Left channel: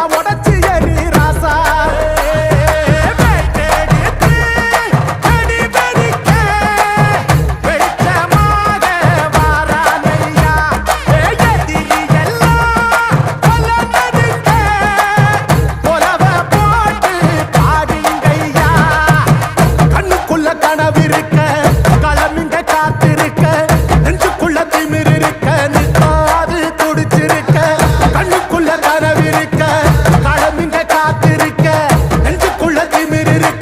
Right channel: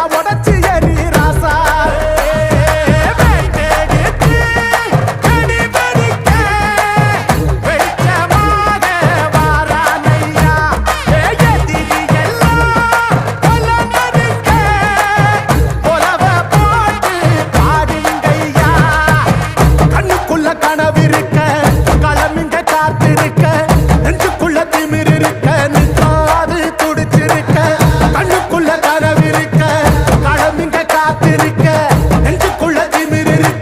எல்லாம் உடச்சு எரி ராசா கனவிருக்க களமிங்க காத்திருக்க நெஞ்சுக்குள்ள திமிர் இருக்க நிற்காது துடிச்சிருக்க கண்ணுக்குள்ள கனவிருக்க களமிங்க காத்திருக்க நெஞ்சுக்குள்ள திமிர் இருக்க